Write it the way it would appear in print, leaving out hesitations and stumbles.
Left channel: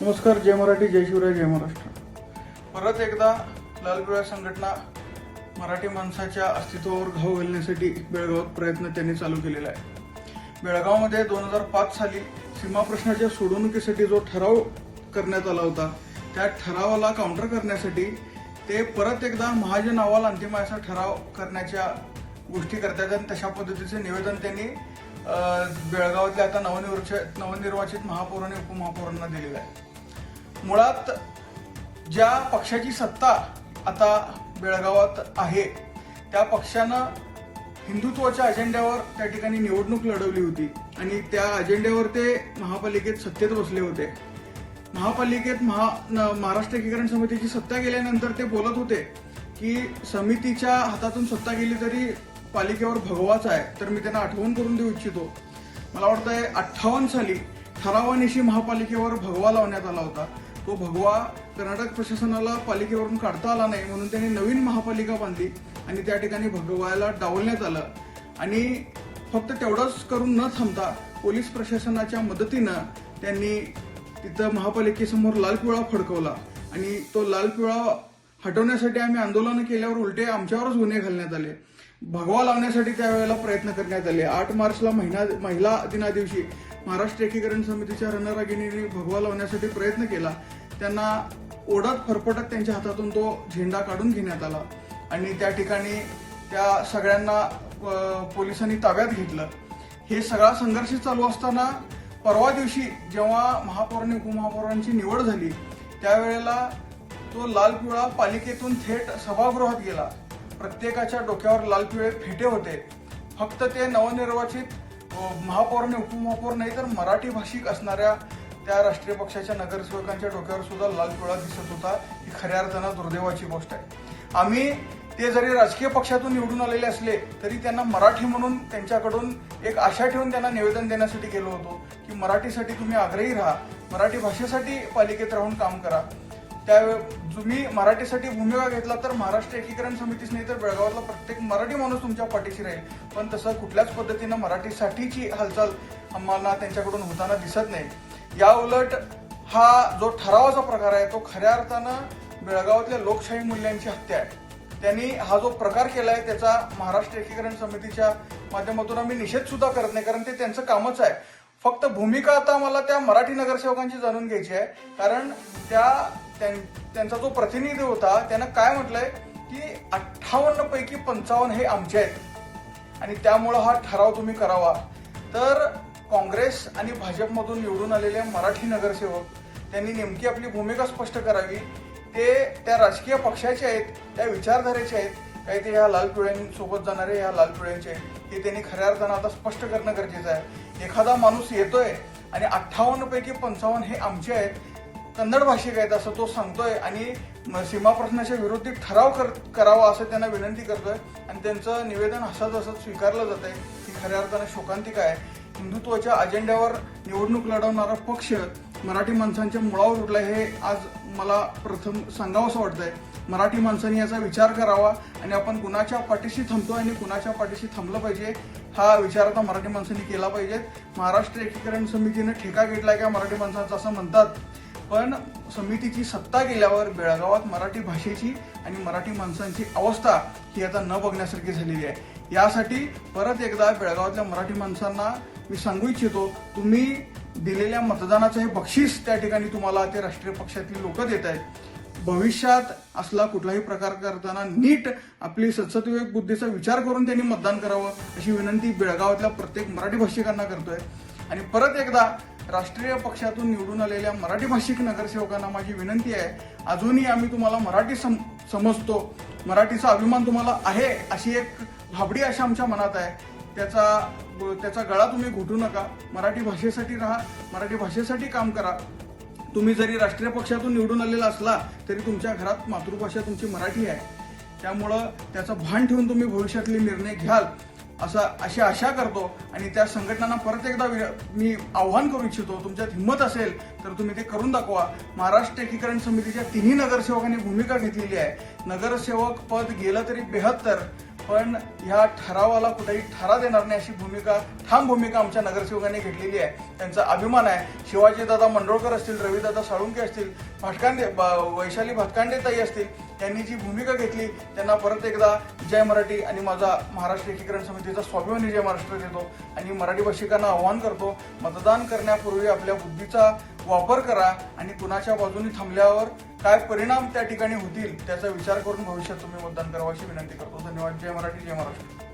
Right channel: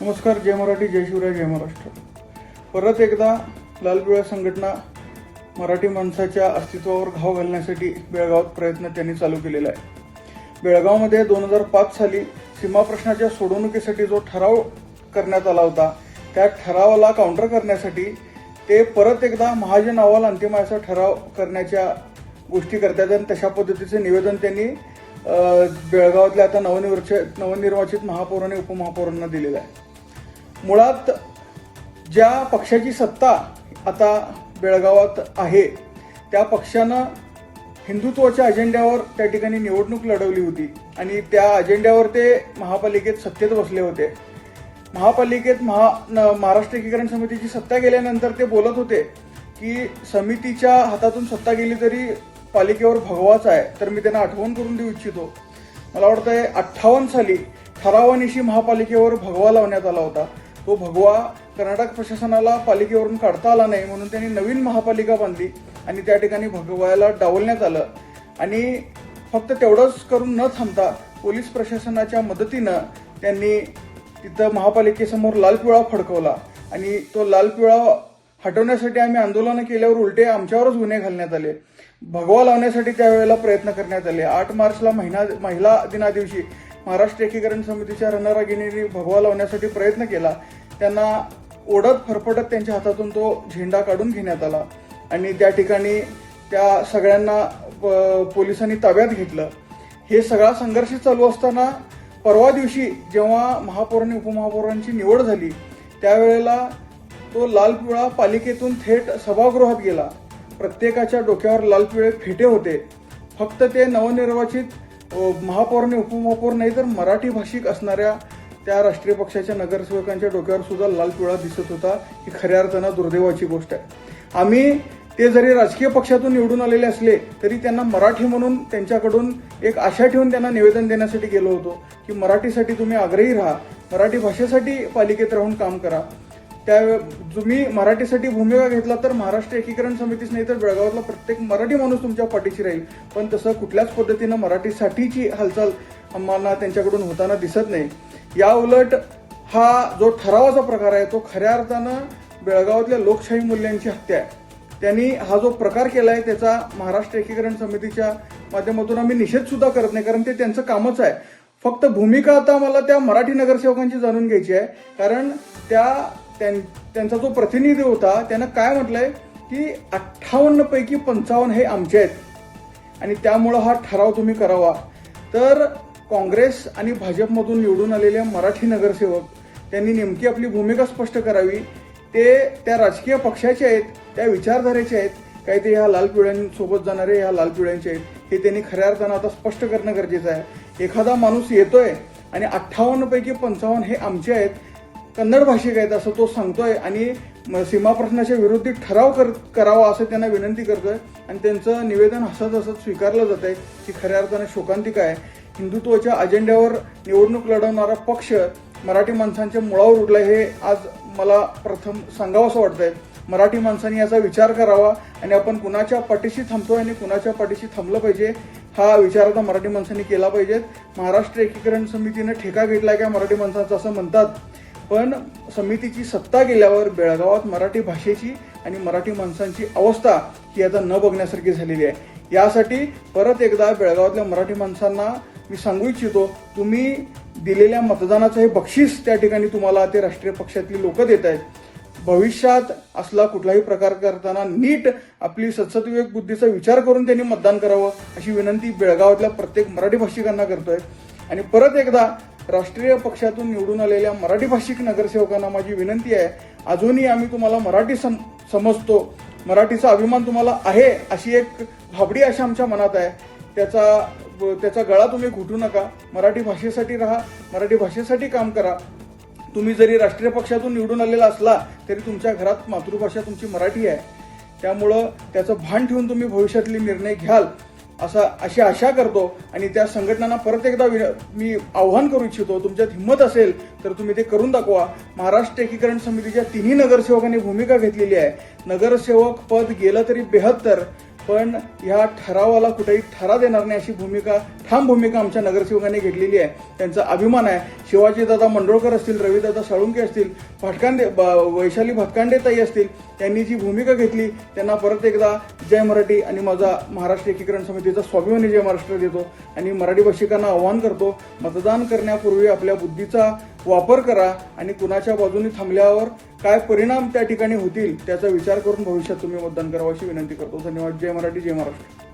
नमस्कार. जय मराठी, जय शिवराय, जय महाराष्ट्र. परत एकदा लाल पिवळ्या संघटना मराठी माणसाच्या अस्तित्वावर घाव घालण्यासाठी बेळगावात प्रयत्न त्यांनी चालू केलेला आहे. बेळगावमध्ये 2005 साली सीमा प्रश्नाच्या सोडवणुकीसाठी जो ठराव करण्यात आला होता, त्या ठरावाला काउंटर करण्यासाठी ते परत एकदा महाजन अहवाल अंतिमाचा ठराव करण्याच्या गोष्टी करतात आणि तशा पद्धतीचे निवेदन त्यांनी बेळगावातल्या आता नवनिर्वाचित महापौर आणि उपमहापौरांना दिलेलं आहे. मुळात ज्या पक्षाची सत्ता आता बेळगावात आहे त्या पक्षानं हिंदुत्वाच्या अजेंड्यावर त्या ठिकाणी निवडणूक लढवली होती आणि त्या अजेंड्यावर ते महापालिकेत सत्तेत बसले होते. महापालिकेत महाराष्ट्र एकीकरण समितीची सत्ता गेल्यानंतर ते बोलत होते की समितीच्या हातातून सत्ता गेली तरी पालिकेवर भगवाच आहे. तर मी त्यांना आठवण करून देऊ इच्छितो, मला वाटतंय 58 साली ठरावानिशी महापालिकेवर भगवा लावण्यात आला होता. तो भगवा कर्नाटक प्रशासनाला पालिकेवरून काढता आला नाही म्हणून त्यांनी नवीन महापालिका बांधली आणि त्या ठिकाणी भगव्याला डावलण्यात आलं. आणि फक्त तेवढंच करून न थांबता पोलीस प्रशासनाच्या मदतीनं त्यांनी तिथं महापालिकेसमोर लाल पिवळा फडकवला आणि तो लाल पिवळा हटवण्यासाठी आम्ही आंदोलनं केल्यावर उलटे आमच्यावरच गुन्हे घालण्यात आले. भगवा लावण्यासाठी त्यावेळेला प्रयत्न करण्यात आले. 8 मार्चला महिला दिनादिवशी महाराष्ट्र एकीकरण समितीच्या रणरागिणींनी भगवा लावण्यासाठी प्रयत्न केला. त्यांना ओढत फरफटत त्यांच्या हातातून तो झेंडा काढून घेण्यात आला आणि त्या ठिकाणी त्या सगळ्यांना पोलिसांनी ताब्यात घेतलं. हे सगळा संघर्ष चालू असताना परवा दिवशी जेव्हा महापौर आणि उपमहापौरांची निवड झाली त्यावेळेला तो लाल पिवळा पालिकेतून थेट सभागृहात गेला. प्रत्येकाच्या डोक्यावर लाल पिवळे फेटे होते. फक्त ते नवनिर्वाचित महापौर आणि उपमहापौर नाही तर मराठी भाषिक असणाऱ्या त्या राष्ट्रीय पक्षाच्या नगरसेवकांच्या डोक्यावर सुद्धा लाल पिवळा दिसत होता. ही खऱ्या अर्थानं दुर्दैवाची गोष्ट आहे. आम्ही ते जरी राजकीय पक्षातून निवडून आलेले असले तरी त्यांना मराठी म्हणून त्यांच्याकडून एक आशा ठेवून त्यांना निवेदन देण्यासाठी गेलो होतो की मराठीसाठी तुम्ही आग्रही राहा, मराठी भाषेसाठी पालिकेत राहून काम करा. त्या तुम्ही मराठीसाठी भूमिका घेतला तर महाराष्ट्र एकीकरण समितीच नाही तर बेळगावातला प्रत्येक मराठी माणूस तुमच्या पाठीशी राहील. पण तसं कुठल्याच पद्धतीनं मराठीसाठीची हालचाल आम्हाला त्यांच्याकडून होताना दिसत नाही. या उलट हा जो ठरावाचा प्रकार आहे तो खऱ्या अर्थानं बेळगावातल्या लोकशाही मूल्यांची हत्या आहे. त्यांनी हा जो प्रकार केलाय त्याचा महाराष्ट्र एकीकरण समितीच्या माध्यमातून आम्ही निषेध सुद्धा करत नाही, कारण ते त्यांचं कामच आहे. फक्त भूमिका आता मला त्या मराठी नगरसेवकांची जाणून घ्यायची आहे, कारण त्यांचा जो प्रतिनिधी होता त्यानं काय म्हटलंय की 58 पैकी 55 हे आमचे आहेत आणि त्यामुळं हा ठराव तुम्ही करावा. तर काँग्रेस आणि भाजपमधून निवडून आलेल्या मराठी नगरसेवक त्यांनी नेमकी आपली भूमिका स्पष्ट करावी. ते त्या राजकीय पक्षाचे आहेत, त्या विचारधारेचे आहेत, काय ते ह्या लाल पिवळ्यांसोबत जाणारे ह्या लाल पिवळ्यांचे आहेत हे त्यांनी खऱ्या अर्थानं आता स्पष्ट करणं गरजेचं आहे. एखादा माणूस येतोय आणि 58 पैकी 55 हे आमचे आहेत, कन्नड भाषिक आहेत असं तो सांगतोय आणि सीमा प्रश्नाच्या विरोधी ठराव करावा असं त्यांना विनंती करतोय आणि त्यांचं निवेदन हसत हसत स्वीकारलं जात आहे की खऱ्या अर्थानं शोकांतिका आहे. हिंदुत्वाच्या अजेंड्यावर निवडणूक लढवणारा पक्ष मराठी माणसांच्या मुळावर उठलाय हे आज मला प्रथम सांगावं असं वाटतंय. मराठी माणसांनी याचा विचार करावा आणि आपण कुणाच्या पाठीशी थांबतोय आणि कुणाच्या पाठीशी थांबलं पाहिजे हा विचार आता मराठी माणसांनी केला पाहिजे. महाराष्ट्र एकीकरण समितीनं ठेका घेतलाय का मराठी माणसांचा असं म्हणतात, पण समितीची सत्ता गेल्यावर बेळगावात मराठी भाषेची आणि मराठी माणसांची अवस्था ही आता न बघण्यासारखी झालेली आहे. यासाठी परत एकदा बेळगावातल्या मराठी माणसांना मी सांगू इच्छितो, तुम्ही दिलेल्या मतदानाचं हे बक्षीस त्या ठिकाणी तुम्हाला ते राष्ट्रीय पक्षातली लोक देत आहेत. भविष्यात असला कुठलाही प्रकार करताना नीट आपली सद्सद्विवेक बुद्धीचा विचार करून त्यांनी मतदान करावं अशी विनंती बेळगावातल्या प्रत्येक मराठी भाषिकांना करतोय. आणि परत एकदा राष्ट्रीय पक्षातून निवडून आलेल्या मराठी भाषिक नगरसेवकांना माझी विनंती आहे, अजूनही आम्ही तुम्हाला मराठी समजतो, मराठीचा अभिमान तुम्हाला आहे अशी एक भाबडी अशा आमच्या मनात आहे. त्याचा गळा तुम्ही घुटू नका. मराठी भाषेसाठी राहा, मराठी भाषेसाठी काम करा. तुम्ही जरी राष्ट्रीय पक्षातून निवडून आलेला असला तरी तुमच्या घरात मातृभाषा तुमची मराठी आहे. त्यामुळं त्याचं भान ठेवून तुम्ही भविष्यातले निर्णय घ्याल अशी आशा करतो. आणि त्या संघटनांना परत एकदा मी आव्हान करू इच्छितो, तुमच्यात हिंमत असेल तर तुम्ही ते करून दाखवा. महाराष्ट्र एकीकरण समितीच्या 3 नगरसेवकांनी भूमिका घेतलेली आहे. नगरसेवक पद गेलं तरी 72, पण या ठरावाला कुठेही ठरा देणार नाही अशी भूमिका, ठाम भूमिका आमच्या नगरसेवकांनी घेतलेली आहे. त्यांचा अभिमान आहे. शिवाजीदादा मंडोळकर असतील, रविदादा साळुंके असतील, वैशाली भटकांडेताई असतील, यांनी जी भूमिका घेतली त्यांना परत एकदा जय मराठी आणि माझा महाराष्ट्र एकीकरण समितीचा स्वाभिमानी जय महाराष्ट्र देतो आणि मराठी भाषिकांना आवाहन करतो, मतदान करण्यापूर्वी आपल्या बुद्धीचा वापर करा आणि कुणाच्या बाजूने थांबल्यावर काय परिणाम त्या ठिकाणी होतील त्याचा विचार करून भविष्यात तुम्ही मतदान करावं अशी विनंती करतो. धन्यवाद. जय मराठी, जय महाराष्ट्र.